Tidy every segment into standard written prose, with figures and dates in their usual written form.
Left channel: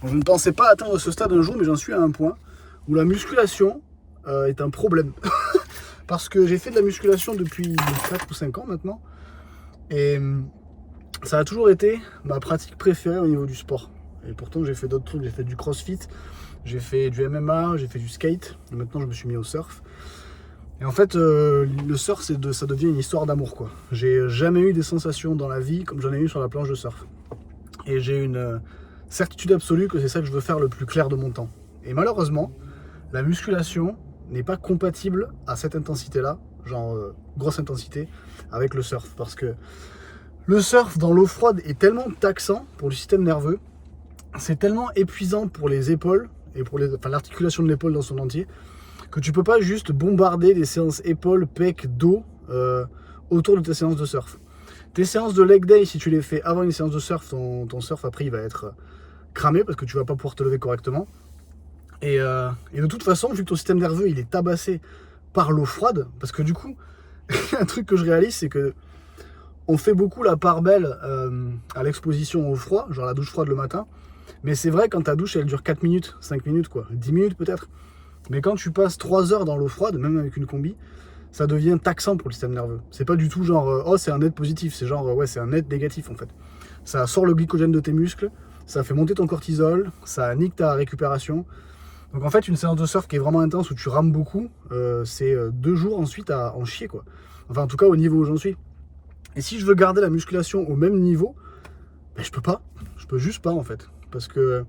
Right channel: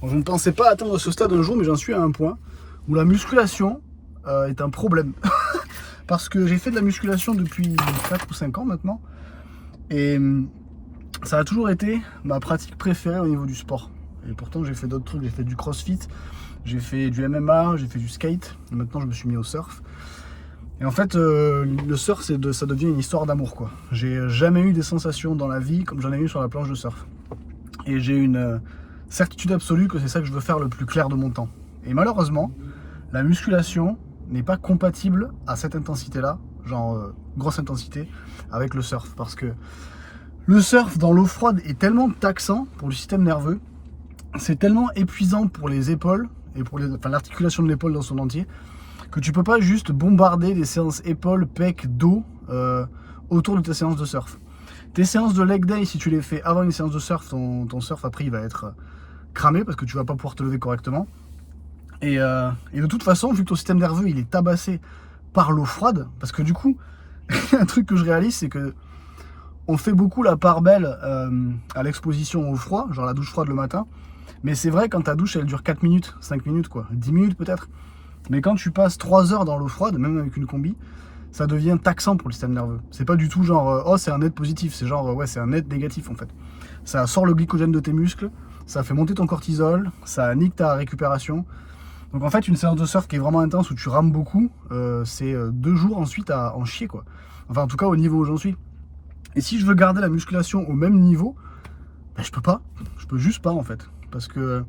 Bon, je ne pensais pas atteindre ce stade un jour, mais j'en suis à un point où la musculation est un problème. Parce que j'ai fait de la musculation depuis 4 ou 5 ans maintenant. Et ça a toujours été ma pratique préférée au niveau du sport. Et pourtant, j'ai fait d'autres trucs. J'ai fait du crossfit, j'ai fait du MMA, j'ai fait du skate. Et maintenant, je me suis mis au surf. Et en fait, le surf, ça devient une histoire d'amour, quoi. J'ai jamais eu des sensations dans la vie comme j'en ai eu sur la planche de surf. Et j'ai une certitude absolue que c'est ça que je veux faire le plus clair de mon temps. Et malheureusement, la musculation n'est pas compatible à cette intensité-là, genre grosse intensité, avec le surf. Parce que le surf dans l'eau froide est tellement taxant pour le système nerveux, c'est tellement épuisant pour les épaules et pour l'articulation de l'épaule dans son entier, que tu peux pas juste bombarder des séances épaules, pecs, dos autour de tes séances de surf. Tes séances de leg day, si tu les fais avant une séance de surf, ton surf après il va être cramé parce que tu vas pas pouvoir te lever correctement. Et de toute façon, vu que ton système nerveux il est tabassé par l'eau froide, parce que du coup, un truc que je réalise, c'est que on fait beaucoup la part belle à l'exposition au froid, genre la douche froide le matin. Mais c'est vrai, quand ta douche elle dure 4 minutes, 5 minutes quoi, 10 minutes peut-être. Mais quand tu passes 3 heures dans l'eau froide, même avec une combi, ça devient taxant pour le système nerveux. C'est pas du tout genre oh c'est un net positif, c'est genre ouais c'est un net négatif en fait. Ça sort le glycogène de tes muscles, ça fait monter ton cortisol, ça nique ta récupération. Donc en fait une séance de surf qui est vraiment intense où tu rames beaucoup, c'est 2 jours ensuite à en chier quoi. Enfin en tout cas au niveau où j'en suis. Et si je veux garder la musculation au même niveau, ben, je peux pas. Je peux juste pas en fait. Parce que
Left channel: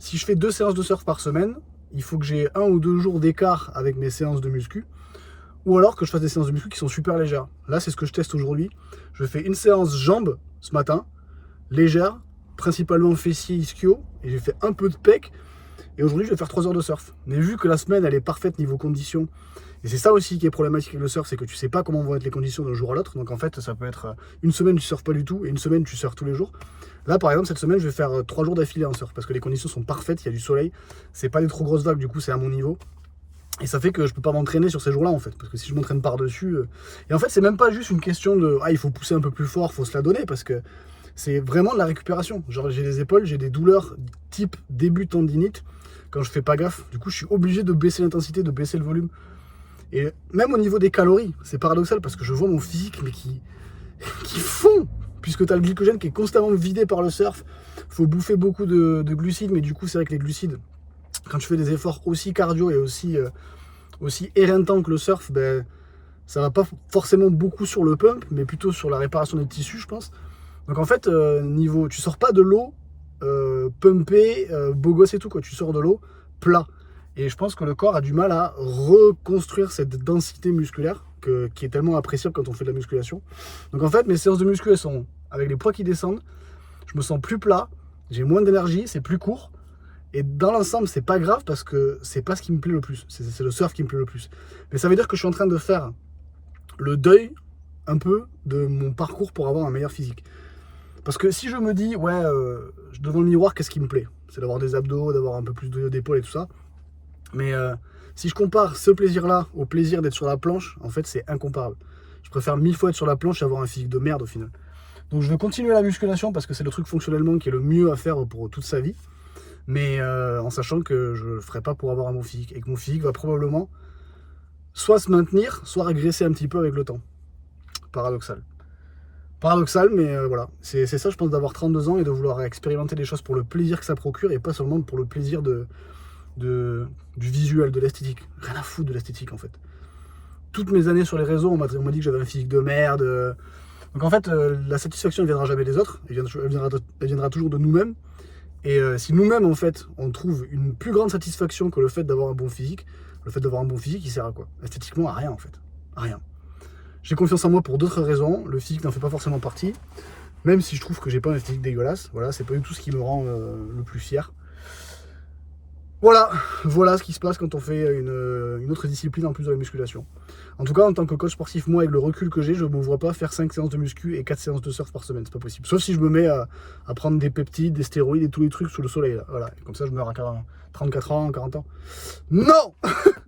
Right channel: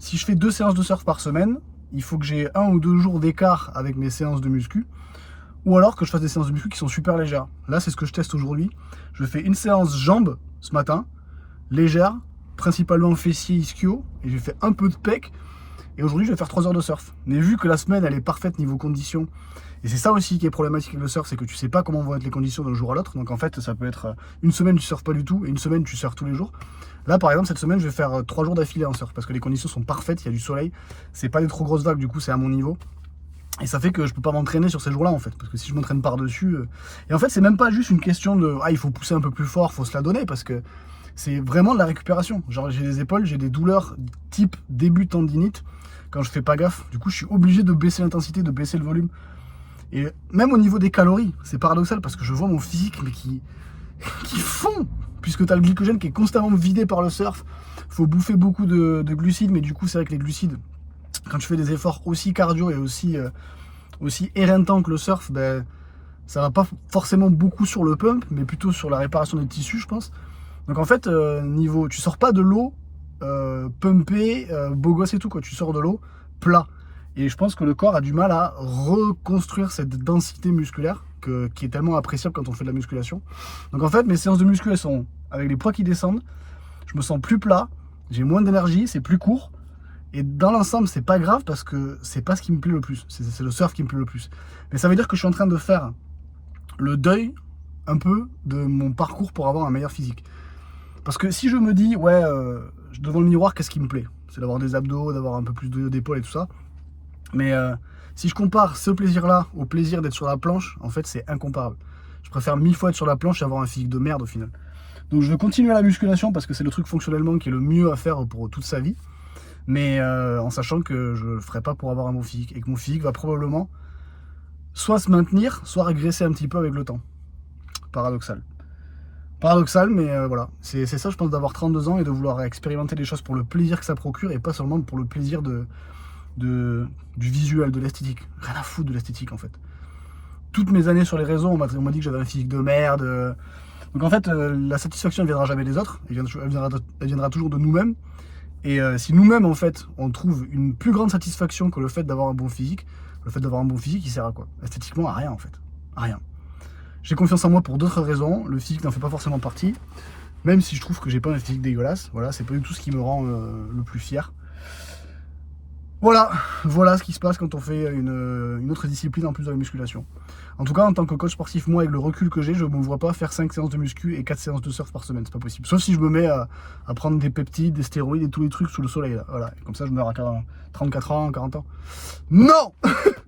si je fais 2 séances de surf par semaine, il faut que j'ai 1 ou 2 jours d'écart avec mes séances de muscu. Ou alors que je fasse des séances de muscu qui sont super légères. Là, c'est ce que je teste aujourd'hui. Je fais une séance jambes ce matin, légère, principalement fessier, ischio, et j'ai fait un peu de pec. Et aujourd'hui, je vais faire 3 heures de surf. Mais vu que la semaine, elle est parfaite niveau conditions, et c'est ça aussi qui est problématique avec le surf, c'est que tu sais pas comment vont être les conditions d'un jour à l'autre. Donc en fait, ça peut être une semaine, tu surfes pas du tout, et une semaine, tu surfes tous les jours. Là, par exemple, cette semaine, je vais faire 3 jours d'affilée en surf, parce que les conditions sont parfaites, il y a du soleil, c'est pas des trop grosses vagues, du coup, c'est à mon niveau. Et ça fait que je peux pas m'entraîner sur ces jours-là en fait, parce que si je m'entraîne par-dessus... Et en fait, c'est même pas juste une question de il faut pousser un peu plus fort, faut se la donner, parce que c'est vraiment de la récupération. Genre j'ai les épaules, j'ai des douleurs type début tendinite quand je fais pas gaffe. Du coup, je suis obligé de baisser l'intensité, de baisser le volume. Et même au niveau des calories, c'est paradoxal parce que je vois mon physique mais qui fond, puisque tu as le glycogène qui est constamment vidé par le surf. Faut bouffer beaucoup de glucides, mais du coup, c'est vrai que les glucides, quand tu fais des efforts aussi cardio et aussi éreintants que le surf, ben, ça va pas forcément beaucoup sur le pump, mais plutôt sur la réparation des tissus, je pense. Donc en fait, tu sors pas de l'eau pumpé, beau gosse et tout, quoi. Tu sors de l'eau plat. Et je pense que le corps a du mal à reconstruire cette densité musculaire qui est tellement appréciable quand on fait de la musculation. Donc en fait, mes séances de muscu, elles sont avec les poids qui descendent. Je me sens plus plat, j'ai moins d'énergie, c'est plus court. Et dans l'ensemble, c'est pas grave parce que c'est pas ce qui me plaît le plus. C'est le surf qui me plaît le plus. Mais ça veut dire que je suis en train de faire le deuil un peu de mon parcours pour avoir un meilleur physique. Parce que si je me dis, ouais, devant le miroir, qu'est-ce qui me plaît? C'est d'avoir des abdos, d'avoir un peu plus d'épaules et tout ça. Mais si je compare ce plaisir-là au plaisir d'être sur la planche, en fait, c'est incomparable. Je préfère 1000 fois être sur la planche et avoir un physique de merde au final. Donc je vais continuer la musculation parce que c'est le truc fonctionnellement qui est le mieux à faire pour toute sa vie. Mais en sachant que je ne le ferai pas pour avoir un bon physique. Et que mon physique va probablement soit se maintenir, soit régresser un petit peu avec le temps. Paradoxal. Paradoxal, mais voilà. C'est ça, je pense, d'avoir 32 ans et de vouloir expérimenter des choses pour le plaisir que ça procure et pas seulement pour le plaisir du visuel, de l'esthétique. Rien à foutre de l'esthétique, en fait. Toutes mes années sur les réseaux, on m'a dit que j'avais un physique de merde. Donc en fait, la satisfaction ne viendra jamais des autres. Elle viendra toujours de nous-mêmes. Et si nous-mêmes, en fait, on trouve une plus grande satisfaction que le fait d'avoir un bon physique, le fait d'avoir un bon physique, il sert à quoi? Esthétiquement, à rien, en fait. À rien. J'ai confiance en moi pour d'autres raisons. Le physique n'en fait pas forcément partie. Même si je trouve que j'ai pas un physique dégueulasse. Voilà, c'est pas du tout ce qui me rend le plus fier. Voilà ce qui se passe quand on fait une autre discipline en plus de la musculation. En tout cas, en tant que coach sportif, moi, avec le recul que j'ai, je ne me vois pas faire 5 séances de muscu et 4 séances de surf par semaine. C'est pas possible. Sauf si je me mets à prendre des peptides, des stéroïdes et tous les trucs sous le soleil. Là. Voilà. Et comme ça, je meurs à 34 ans, 40 ans. Non